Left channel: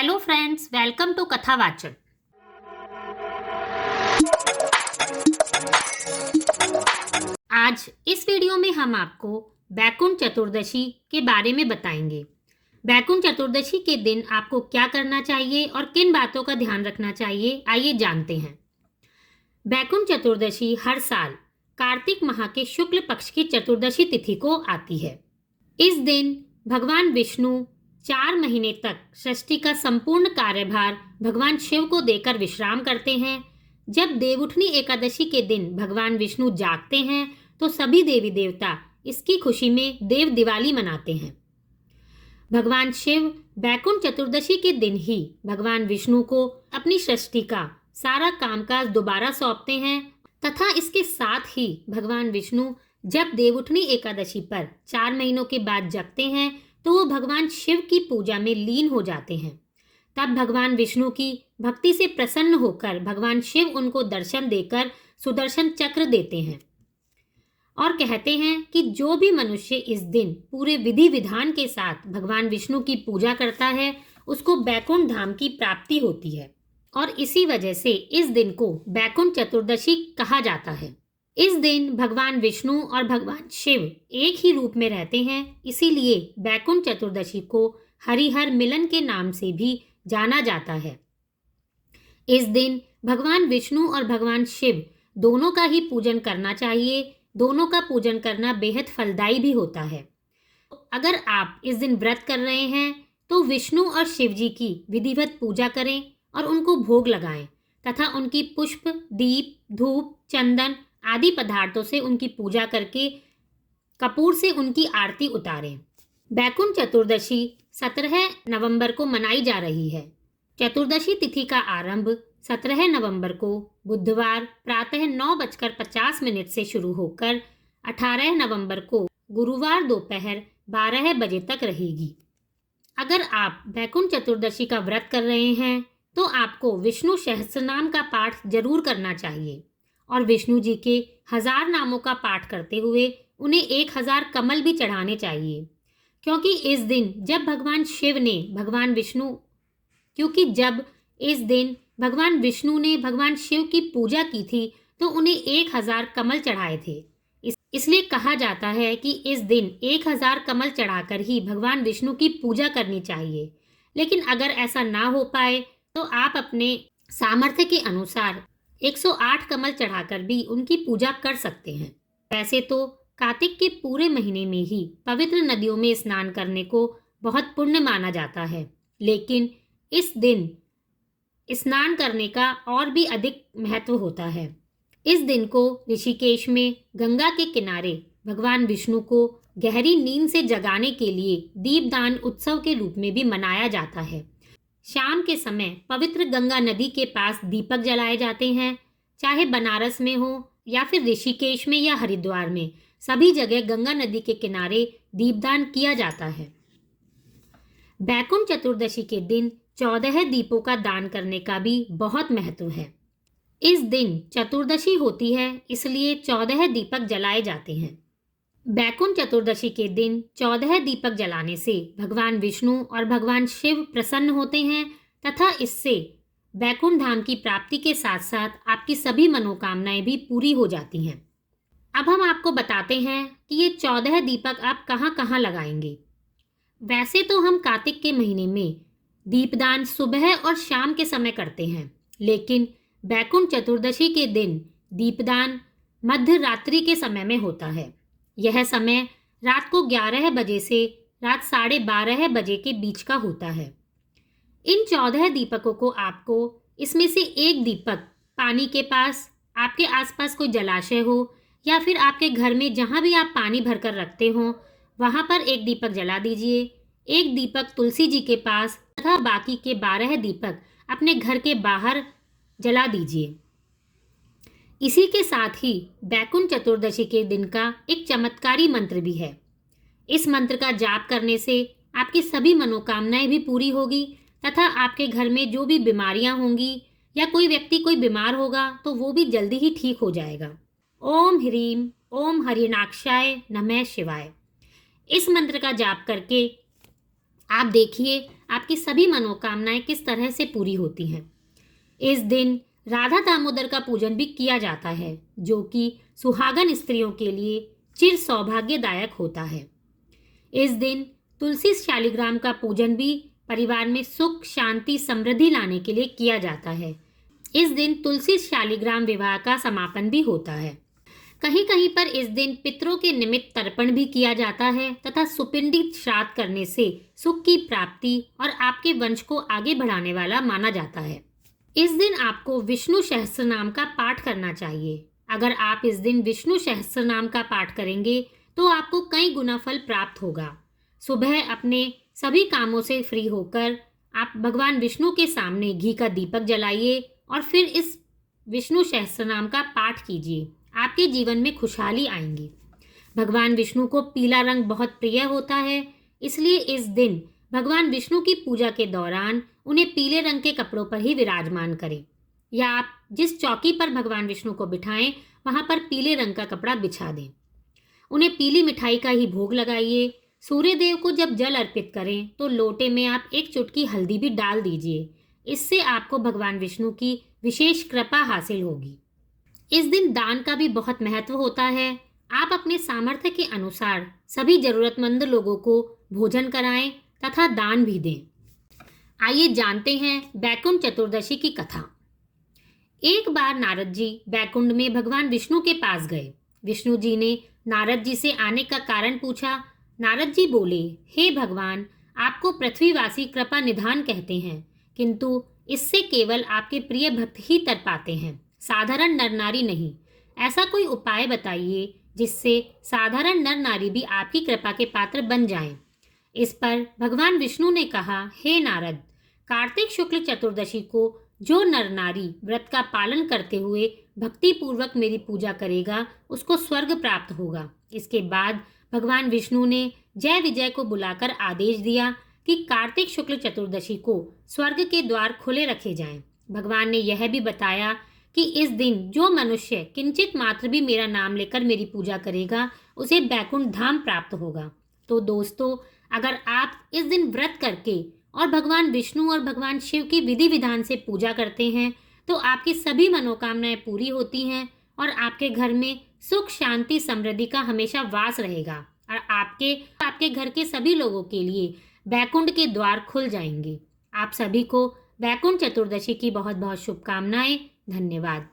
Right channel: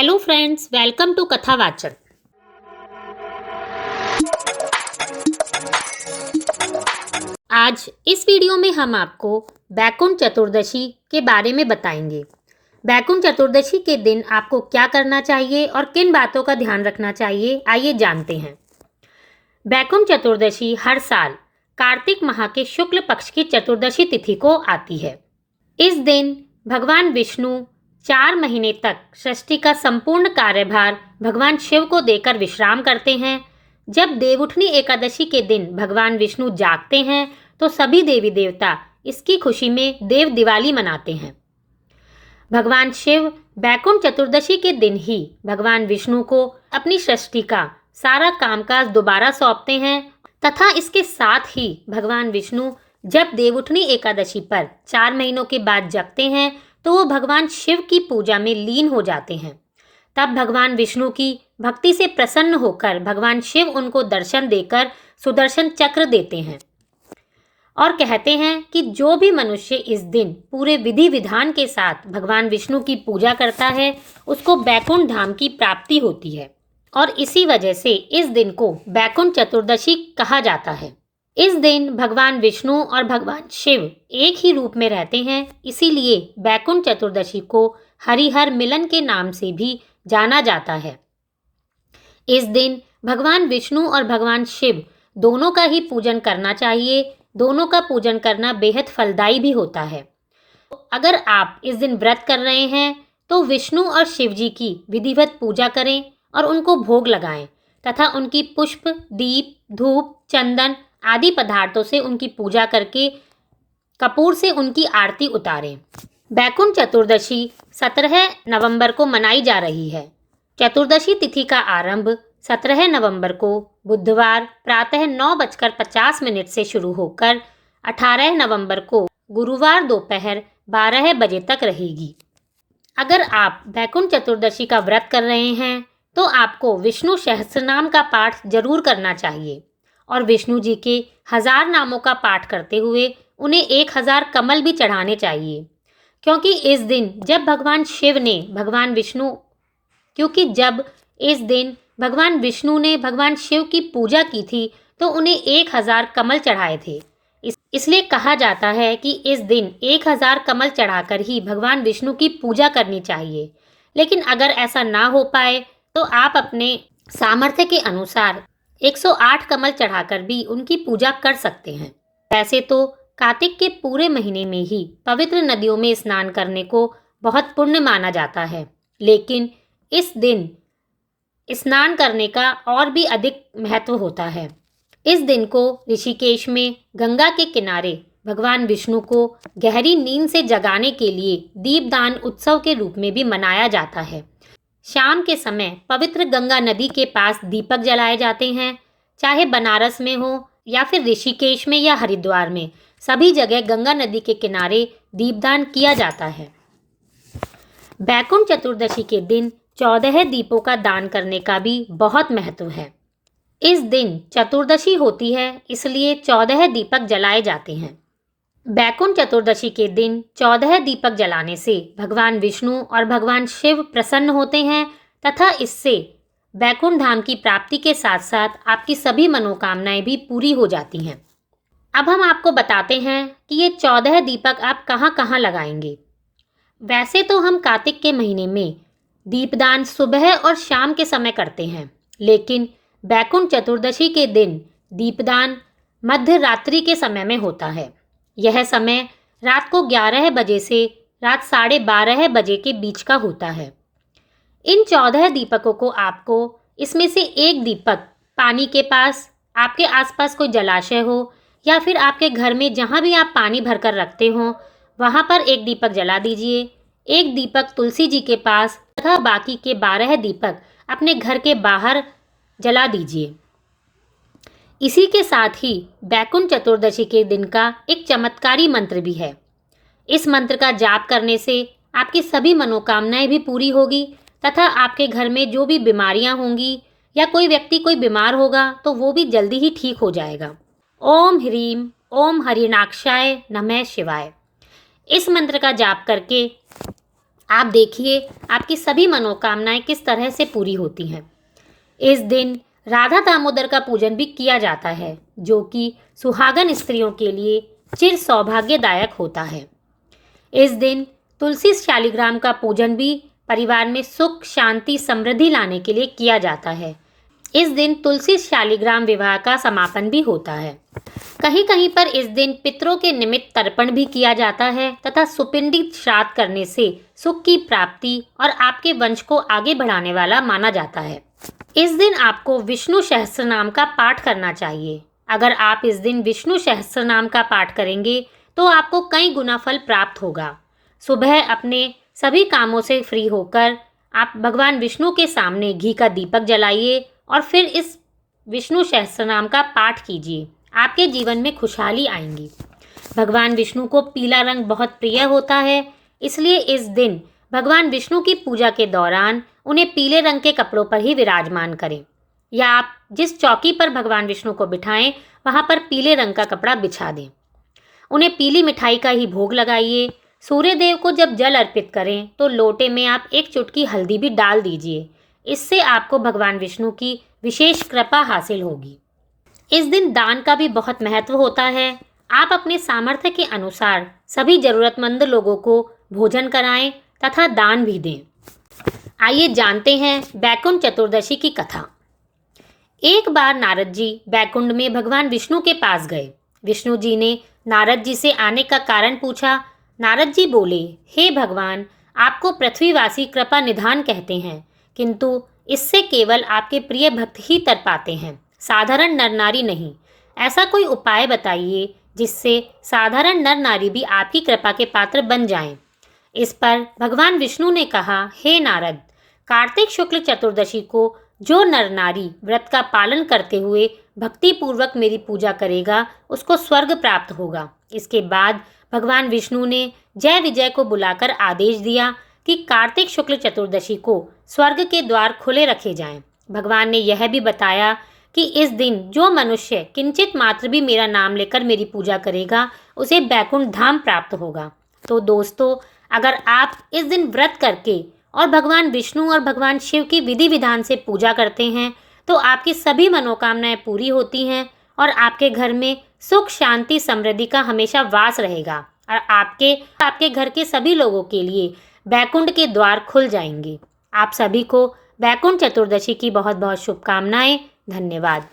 Hello friends, welcome to Kathavachan. आज इस video में हम आपको बैकुंठ चतुर्दशी के बारे में बताएंगे। बैकुंठ चतुर्दशी के दिन आपको क्या करना चाहिए और किन बातों का ध्यान रखना चाहिए, आइए जानते हैं। बैकुंठ चतुर्दशी हर साल कार्तिक माह के शुक्ल पक्ष की चतुर्दशी तिथि को आती है। इस दिन भगवान विष्णु 4 महीने तक सृष्टि का संपूर्ण कार्यभार भगवान शिव को देकर विश्राम करते हैं। जब देवउठनी एकादशी के दिन भगवान विष्णु जागते हैं तो सभी देवी देवता इसकी खुशी में देव दिवाली मनाते हैं। भगवान शिव बैकुंठ चतुर्दशी के दिन ही भगवान विष्णु को अपनी सृष्टि का सारा कामकाज दोबारा सौंपते हैं तथा इसके साथ ही भगवान विष्णु जब देवउठनी एकादशी पर 4 महीनों के बाद जगते हैं तो वो भगवान शिव की पूजा में लीन हो जाते हैं। तब भगवान विष्णु की भक्ति से प्रसन्न होकर भगवान शिव उनको दर्शन देकर सुदर्शन चक्र देते हैं और कहते हैं कि जो भी मनुष्य इस दिन पूरे विधि विधान के साथ भगवान विष्णु की पूजा करता है उसको बैकुंठ धाम की प्राप्ति होती है और इसी वजह से इस दिन को बैकुंठ चतुर्दशी कहा जाता है। इस दिन भगवान विष्णु और भगवान शिव एक ही रूप में रहते हैं, इसीलिए बैकुंठ चतुर्दशी को हरिहर मिलन के नाम से भी जाना जाता है। इस दिन भगवान विष्णु और भगवान शिव दोनों का ही पूजन करना चाहिए। दोनों का पूजन करना बेहद फलदायी भी होता है। अगर आप इस दिन व्रत कर रहे हैं तो विष्णु और शिव जी की विधिवत पूजा करें और उनको भोग लगाएं तथा उनकी पुष्प, दीप, धूप, चंदन आदि पदार्थों से उनकी पूजा करके कपूर से उनकी आरती उतारें। बैकुंठ चतुर्दशी 17 नवंबर को मनाई जा रही है। चतुर्दशी तिथि का आरंभ 17 नवंबर को बुधवार प्रातः 9:50 से शुरू होकर 18 नवंबर को गुरुवार दोपहर 12 बजे तक रहेगी। अगर आप बैकुंठ चतुर्दशी का व्रत कर रहे हैं तो आपको विष्णु सहस्त्रनाम का पाठ जरूर करना चाहिए और विष्णु जी के 1000 नामों का पाठ करते हुए उन्हें 1000 कमल भी चढ़ाने चाहिए। क्योंकि इस दिन जब भगवान विष्णु ने भगवान शिव की पूजा की थी तो उन्हें 1000 कमल चढ़ाए थे। इसलिए कहा जाता है कि इस दिन 1000 कमल चढ़ाकर ही भगवान विष्णु की पूजा करनी चाहिए। लेकिन अगर ऐसा ना हो पाए तो आप अपने सामर्थ्य के अनुसार 108 कमल चढ़ाकर भी उनकी पूजा कर सकते हैं। वैसे तो कार्तिक के पूरे महीने में ही पवित्र नदियों में स्नान करने को बहुत पुण्य माना जाता है, लेकिन इस दिन स्नान करने का और भी अधिक महत्व होता है। इस दिन को ऋषिकेश में गंगा के किनारे भगवान विष्णु को गहरी नींद से जगाने के लिए दीपदान उत्सव के रूप में भी मनाया जाता है। शाम के समय पवित्र गंगा नदी के पास दीपक जलाए जाते हैं। चाहे बनारस में हो या फिर ऋषिकेश में या हरिद्वार में, सभी जगह गंगा नदी के किनारे दीपदान किया जाता है। बैकुंठ चतुर्दशी के दिन 14 दीपों का दान करने का भी बहुत महत्व है। इस दिन चतुर्दशी होती है, इसलिए 14 दीपक जलाए जाते हैं। बैकुंठ चतुर्दशी के दिन 14 दीपक जलाने से भगवान विष्णु और भगवान शिव प्रसन्न होते हैं तथा इससे बैकुंठ धाम की प्राप्ति के साथ साथ आपकी सभी मनोकामनाएं भी पूरी हो जाती हैं। अब हम आपको बताते हैं कि ये 14 दीपक आप कहाँ कहाँ लगाएंगे। वैसे तो हम कार्तिक के महीने में दीपदान सुबह और शाम के समय करते हैं, लेकिन बैकुंठ चतुर्दशी के दिन दीपदान मध्य रात्रि के समय में होता है। यह समय रात को 11 बजे से रात 12:30 बजे के बीच का होता है। इन 14 दीपकों को आपको इसमें से एक दीपक पानी के पास, आपके आसपास कोई जलाशय हो या फिर आपके घर में जहाँ भी आप पानी भरकर रखते हो वहाँ पर एक दीपक जला दीजिए। एक दीपक तुलसी जी के पास तथा बाकी के 12 दीपक अपने घर के बाहर जला दीजिए। इसी के साथ ही बैकुंठ चतुर्दशी के दिन का एक चमत्कारी मंत्र भी है। इस मंत्र का जाप करने से आपकी सभी मनोकामनाएं भी पूरी होगी तथा आपके घर में जो भी बीमारियां होंगी या कोई व्यक्ति कोई बीमार होगा तो वो भी जल्दी ही ठीक हो जाएगा। ओम ह्रीम ओम हरिणाक्षाय नमः शिवाय। इस मंत्र का जाप करके आप देखिए आपकी सभी मनोकामनाएं किस तरह से पूरी होती हैं। इस दिन राधा दामोदर का पूजन भी किया जाता है, जो कि सुहागन स्त्रियों के लिए चिर सौभाग्यदायक होता है। इस दिन तुलसी शालिग्राम का पूजन भी परिवार में सुख, शांति, समृद्धि लाने के लिए किया जाता है। इस दिन तुलसी शालिग्राम विवाह का समापन भी होता है। कहीं कहीं पर इस दिन पितरों के निमित्त तर्पण भी किया जाता है तथा सुपिंडी श्राद्ध करने से सुख की प्राप्ति और आपके वंश को आगे बढ़ाने वाला माना जाता है। इस दिन आपको विष्णु सहस्त्रनाम का पाठ करना चाहिए। अगर आप इस दिन विष्णु सहस्त्रनाम का पाठ करेंगे तो आपको कई गुना फल प्राप्त होगा। सुबह अपने सभी कामों से फ्री होकर आप भगवान विष्णु के सामने घी का दीपक जलाइए और फिर इस विष्णु सहस्त्रनाम का पाठ कीजिए। आपके जीवन में खुशहाली आएंगी। भगवान विष्णु को पीला रंग बहुत प्रिय होता है, इसलिए इस दिन भगवान विष्णु की पूजा के दौरान उन्हें पीले रंग के कपड़ों पर ही विराजमान करें, या आप जिस चौकी पर भगवान विष्णु को बिठाएं वहां पर पीले रंग का कपड़ा बिछा दें। उन्हें पीली मिठाई का ही भोग लगाइए। सूर्य देव को जब जल अर्पित करें तो लोटे में आप एक चुटकी हल्दी भी डाल दीजिए। इससे आपको भगवान विष्णु की विशेष कृपा हासिल होगी। इस दिन दान का भी बहुत महत्व होता है। आप अपने सामर्थ्य के अनुसार सभी जरूरतमंद लोगों को भोजन कराएं तथा दान भी दें। आइए जानते हैं बैकुंठ चतुर्दशी की कथा। एक बार नारद जी बैकुंठ में भगवान विष्णु के पास गए। विष्णु जी ने नारद जी से आने का कारण पूछा। नारद जी बोले, हे भगवान, आपको पृथ्वीवासी कृपा निधान कहते हैं, किंतु इससे केवल आपके प्रिय भक्त ही तर पाते हैं, साधारण नर नारी नहीं। ऐसा कोई उपाय बताइए जिससे साधारण नर नारी भी आपकी कृपा के पात्र बन जाएं। इस पर भगवान विष्णु ने कहा, हे नारद, कार्तिक शुक्ल चतुर्दशी को जो नर नारी व्रत का पालन करते हुए भक्ति पूर्वक मेरी पूजा करेगा उसको स्वर्ग प्राप्त होगा। इसके बाद भगवान विष्णु ने जय विजय को बुलाकर आदेश दिया कि कार्तिक शुक्ल चतुर्दशी को स्वर्ग के द्वार खुले रखे जाएं। भगवान ने यह भी बताया कि इस दिन जो मनुष्य किंचित मात्र भी मेरा नाम लेकर मेरी पूजा करेगा उसे बैकुंठ धाम प्राप्त होगा। तो दोस्तों, अगर आप इस दिन व्रत करके और भगवान विष्णु और भगवान शिव की विधि विधान से पूजा करते हैं तो आपकी सभी मनोकामनाएं पूरी होती हैं और आपके घर में सुख, शांति, समृद्धि का हमेशा वास रहेगा और आपके घर के सभी लोगों के लिए बैकुंठ के द्वार खुल जाएंगे। आप सभी को बैकुंठ चतुर्दशी की बहुत बहुत शुभकामनाएं। धन्यवाद।